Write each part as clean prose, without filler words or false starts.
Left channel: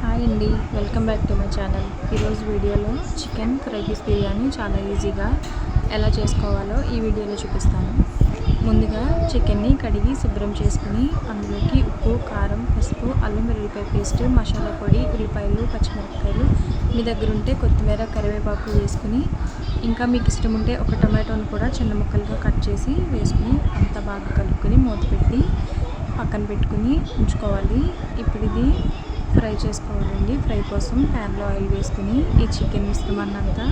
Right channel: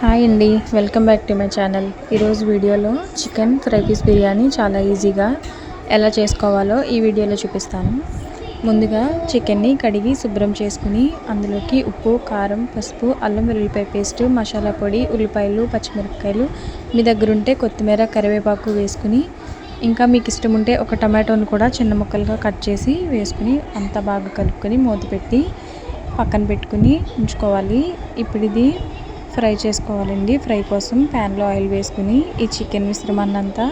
Hi అండి, welcome back to my channel. ఈరోజు వీడియోలో చికెన్ ఫ్రై పీస్ బిర్యానీ చాలా ఈజీగా ఎలా చేసుకోవాలో ఈ వీడియోలో చూపిస్తాను. ముందుగా చికెన్ని కడిగి శుభ్రం చేసుకుని అందులోకి ఉప్పు, కారం, పసుపు, అల్లం వెల్లుల్లిపాయ పేస్ట్, మసాలా పొడి, ఉల్లిపాయలు, పచ్చిమిరపకాయలు, మీ దగ్గర ఉంటే కొత్తిమీర, కరివేపాకు వేసుకుని ఇంకా మీకు ఇష్టం ఉంటే ఒక టమాటోని కూడా చిన్న ముక్కలుగా కట్ చేసి వేసుకుని అంతా బాగా కలుపుకొని మూత పెట్టి పక్కన పెట్టుకుని ఉంచుకోవాలి. ఇప్పుడు ఇది ఫ్రై చేసుకోవాలండి. ఫ్రై కోసం ప్యాన్లో ఆయిల్ వేసుకుని ఈ చికెన్ మిశ్రమాన్ని అంతా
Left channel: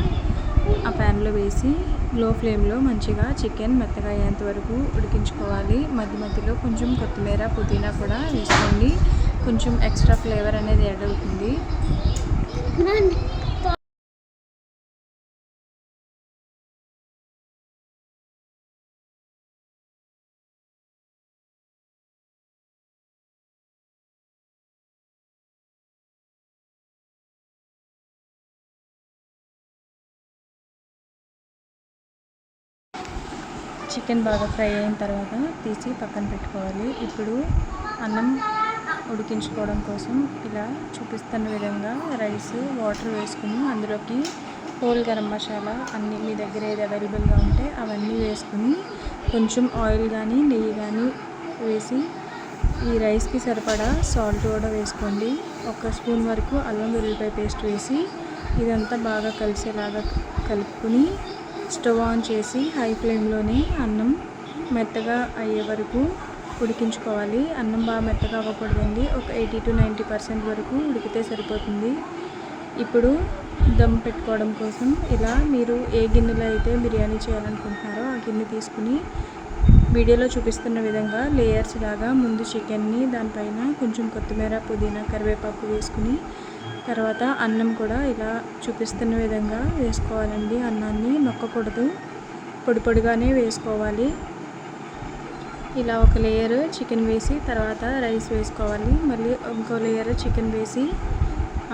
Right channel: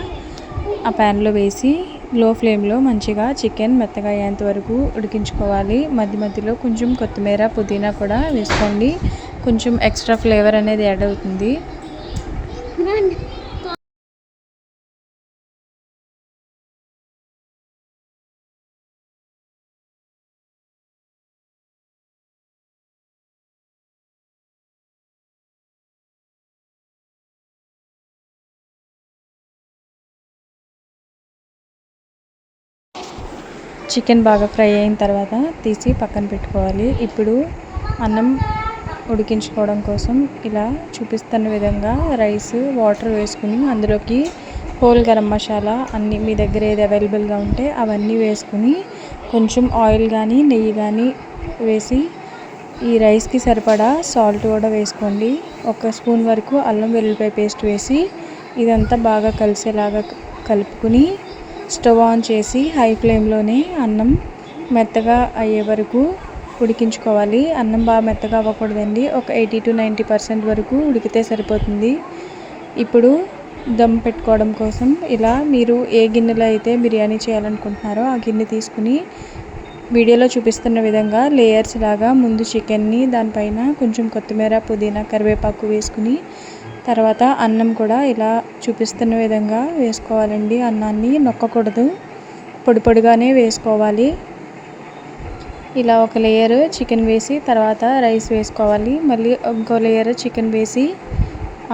ఆ ప్యాన్లో వేసి లో ఫ్లేమ్లో మంచిగా చికెన్ మెత్తగా అయ్యేంత వరకు ఉడికించుకోవాలి. మధ్య మధ్యలో కొంచెం కొత్తిమీర, పుదీనా కూడా వేసుకోండి. కొంచెం ఎక్స్ట్రా ఫ్లేవర్ అనేది యాడ్ అవుతుంది. చికెన్ బాగా ఫ్రై అయిన తర్వాత తీసి పక్కన పెట్టుకోవాలి. ఇప్పుడు అన్నం ఉడికించుకోవడం కోసం ఇలా చూపిస్తున్న విధంగా రైస్, వాటర్ వేసుకుని అందులోకి హోల్ గరం మసాలా అన్నీ మీ దగ్గర ఏది అవైలబుల్గా ఉంటే అవన్నీ వేసుకుని కొంచెం ఆయిల్ కానీ నెయ్యి కానీ వేసి ఈ రైస్కి సరిపడా సాల్ట్ కూడా వేసుకోండి. 1 స్పూన్ వరకు అల్లం వెల్లుల్లిపాయ పేస్ట్ వేసి ఇదంతా బాగా కలిసేలాగా కలుపుకుని స్టవ్ ఆన్ చేసి హై ఫ్లేమ్లోనే అన్నం మెత్తగా అయ్యే వరకు ఉడికించుకోవాలి. అన్నం బాగా మెత్తగా అవ్వకూడదండి, ఒక 80 to 90% వరకు ఉడికితే సరిపోతుంది. ఇప్పుడు దమ్ పెట్టుకోవడం కోసం ఇలా మీరు ఏ గిన్నెలో అయితే బిర్యానీ చేయాలనుకుంటున్నారో ఆ గిన్నె తీసుకుని వీడియోలో చూపిస్తున్న విధంగా లేయర్స్ లాగా ముందు చికెన్ని, దానిపైన కొంచెం కొత్తిమీర, పుదీనా, కరివేపాకు వేసుకుని తర్వాత అన్నం కూడా ఇలా చూపిస్తున్న విధంగా వేసుకోవాలండి. అన్నాన్ని నొక్కకూడదు, పొడి పొడిగానే వేసుకోవాలి. ఇలా ఒక లేయర్ చికెన్ వేసి తర్వాత రైస్ వేసుకోవాలి. మళ్ళీ ఇంకో లేయర్ చికెన్ వేసి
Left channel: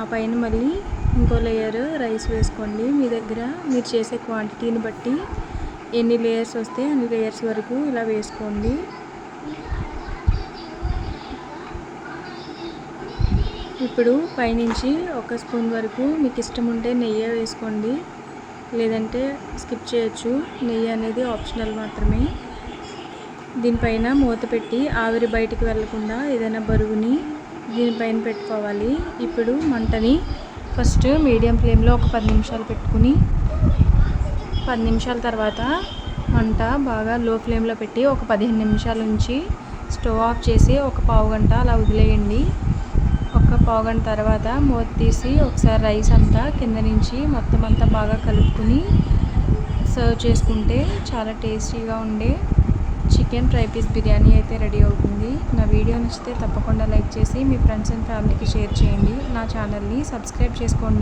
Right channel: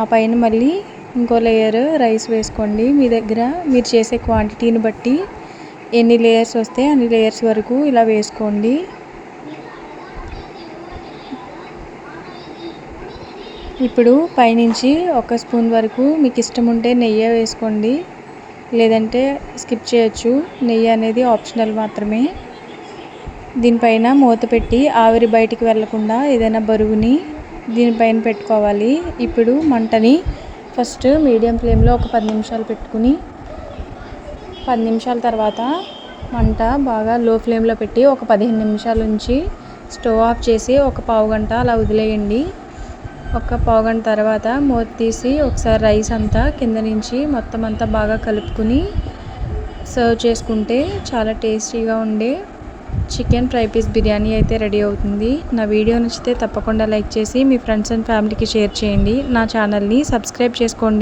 ఆ పైన మళ్ళీ ఇంకో లేయర్ రైస్ వేసుకోండి. మీ దగ్గర మీరు చేసే క్వాంటిటీని బట్టి ఎన్ని లేయర్స్ వస్తే అన్ని లేయర్స్ వరకు ఇలా వేసుకోండి. ఇప్పుడు పైనుంచి 1 స్పూన్ వరకు మీకు ఇష్టం ఉంటే నెయ్యి వేసుకోండి, లేదంటే స్కిప్ చేయొచ్చు. నెయ్యి అనేది ఆప్షనల్ మాత్రమే. దీనిపైన మూత పెట్టి ఆవిరి బయటికి వెళ్లకుండా ఏదైనా బరువుని దీనిపైన పెట్టుకోవాలి. ఇప్పుడు మంటని ఫస్ట్ మీడియం ఫ్లేమ్లో ఒక 10 నిమిషాలు పెట్టుకుని 10 నిమిషాల తర్వాత మంట బాగా లో ఫ్లేమ్లో పెట్టి ఒక 15 నిమిషాల నుంచి స్టవ్ ఆఫ్ చేసి ఒక పావు గంట అలా వదిలేయండి. ఒక పావు గంట తర్వాత మూత తీసి ఒకసారి రైస్ అంతా కింద నుంచి మొత్తం అంతా బాగా కలుపుకుని సర్వ్ చేసుకుంటే చాలా టేస్టీగా ఉండే చికెన్ ఫ్రై పీస్ బిర్యానీ అయితే రెడీ అవుతుంది. నా వీడియో నచ్చితే తప్పకుండా లైక్ చేసి మీ ఫ్రెండ్స్ అండ్ ఫ్యామిలీకి షేర్ చేయండి. నా ఛానల్ని సబ్స్క్రైబ్ చేసుకోండి.